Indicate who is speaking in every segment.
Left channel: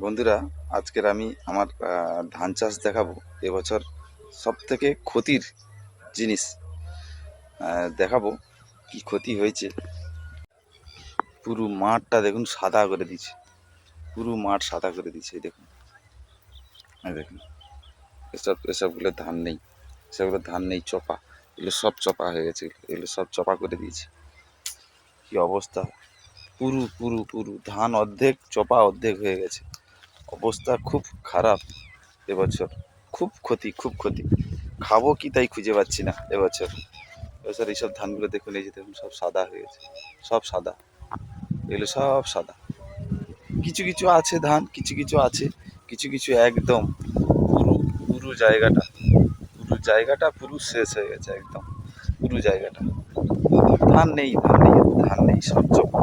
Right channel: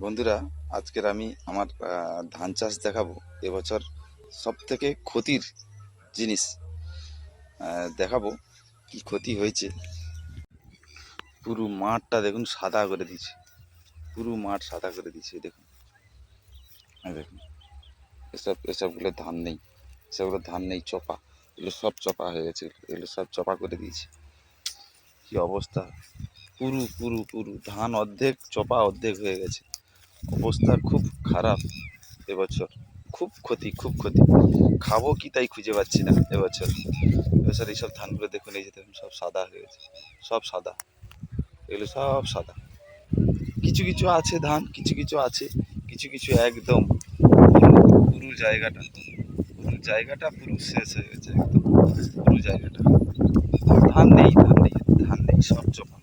Speaker 1: বন্ধুরা, আজকের আমি আমার ধান চাষ দেখাবো। এবছর সব থেকে ক্ষতির জিনিস দেখাবো কি ক্ষতি হয়েছে। পুরো মাঠটা দেখুন সাদা করে দিয়েছে। পুরো মাঠ সাদা করে দিয়েছে দেখুন। দেখুন। এসব, এসবগুলো ধান নেই। এসবগুলো ধান নেই, চপা। এগুলো সব চপা হয়ে গেছে। এগুলো সব চপা করে দিয়েছে। কি অবস্থা? পুরু পুরু পুরু ধান অর্ধেক, চপা অর্ধেক হয়ে গেছে। অবস্থা খুব খারাপ এবছর। খুব ক্ষতি খুব ক্ষতি। খাব কি তাই খুঁজে পাচ্ছি না এবছর। এবছর এইসব ধানগুলো দেখুন, এই যে দেখুন, সব সাদা হয়ে গেছে। সব সাদা। এগুলো সব সাদা। কিছু কিছু আছে ধান, কিছু কিছু আছে, কিছু কিছু একদম পুরো পুরো জায়গাটা পুরো জায়গাটা, পুরো শেষ হয়ে গেছে একদম। পুরো জায়গাটা। ধান নেই ধান নেই ধান নেই সব চপা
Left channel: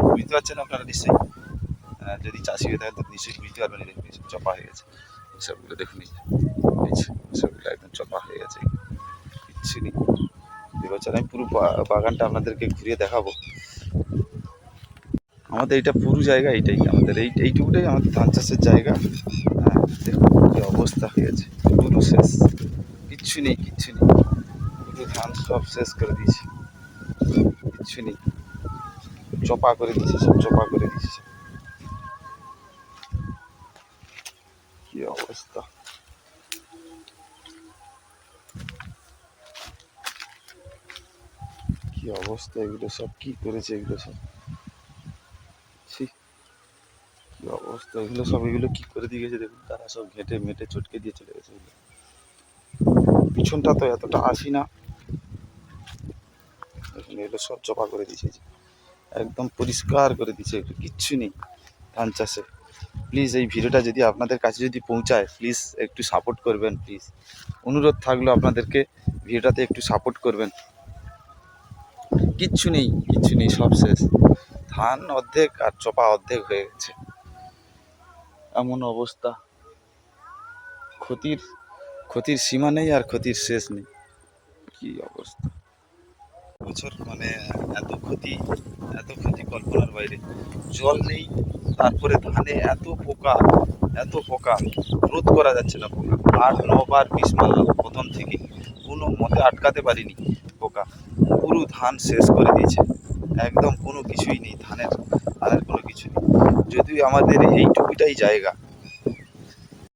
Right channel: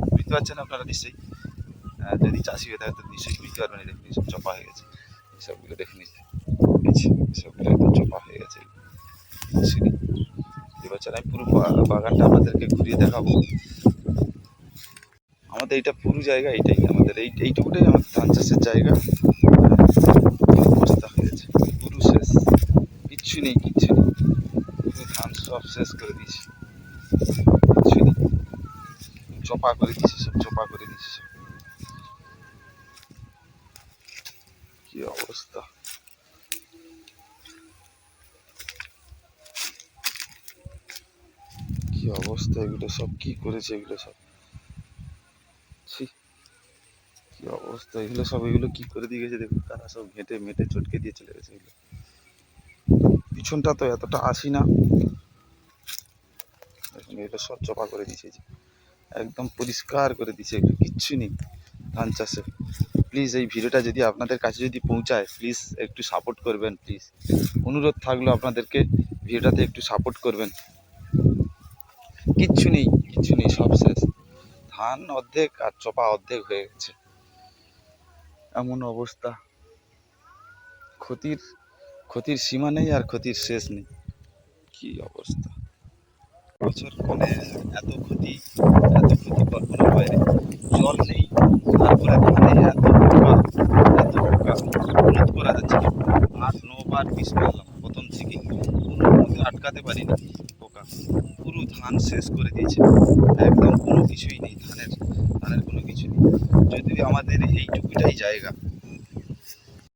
Speaker 1: বুঝতে পারছেন আপনারা নিশ্চয়ই? যদি চাষি হয়ে থাকে তো নিশ্চয়ই পারবেন এই দেখুন এইসব চপা হয়ে গেছে। এসবগুলো দেখুন এসবগুলো একদম চপা হয়ে গেছে। এবছর আমি পুরো বাগানটা আপনাদেরকে ঘুরিয়ে দেখাবো। আমাদের এইটা পুরো জায়গা, এইটাই। আমাদের এই, এইটুকুটাই আমাদের ধান চাষের জায়গা। অবস্থা হয়ে গেছে। পুরো শেষ। কিচ্ছু নেই কিচ্ছু নেই। পুরো ধান সব শেষ করে দিয়েছি। কিচ্ছু নেই। চপা করে দিয়েছি, সব চপা করে দিয়েছি সব। কি অবস্থা কি অবস্থা এগুলো সব? কি করেছে এগুলো সব? কি অবস্থা? এগুলো সব, এগুলো কি করে দিয়ে গেছে? দেখুন, তারা সব ঘেঁটে মেটে চটকে দিয়ে চলে গেছে পিছনটা তো এতটা আসি না। এগুলো সব চপা করে দিয়েছে একদম পরিষ্কার করে দিয়েছে এগুলো, কিচ্ছু নেই ধান চাষে। প্লিজ, এই ভিডিওটা যদি আপনাদের কাছে যদি পৌঁছায়, প্লিজ একটু সাপোর্ট করবেন, প্লিজ। অনুরোধ থাকল আপনাদেরকে, ভিডিওটাতে একটু সাপোর্ট করবেন। কিচ্ছু নেই। কিচ্ছু নেই, সব শেষ। ধান অর্ধেক আর চোপা অর্ধেক হয়ে গেছে। এমন অবস্থা। ক্ষতির ক্ষতির সীমা নেই আর ক্ষতির শেষ নেই। কি অবস্থা। বছর মানে এত ক্ষতি এত ক্ষতি কল্পনার বাইরে। জল নেই, তারপরে ধানে এত পোকা এত পোকা। রোধ করা যাচ্ছে না। আট নবার মারলাম প্রথম থেকে কোনো মতে আটকাতে পারিনি। পোকা। পুরো ধান শেষ করে দিয়েছে। একদম কোনো কিছুই নেই, ধানের আর কোনো কিছু নেই। যদি আমাদের এইটুকুটাই জায়গা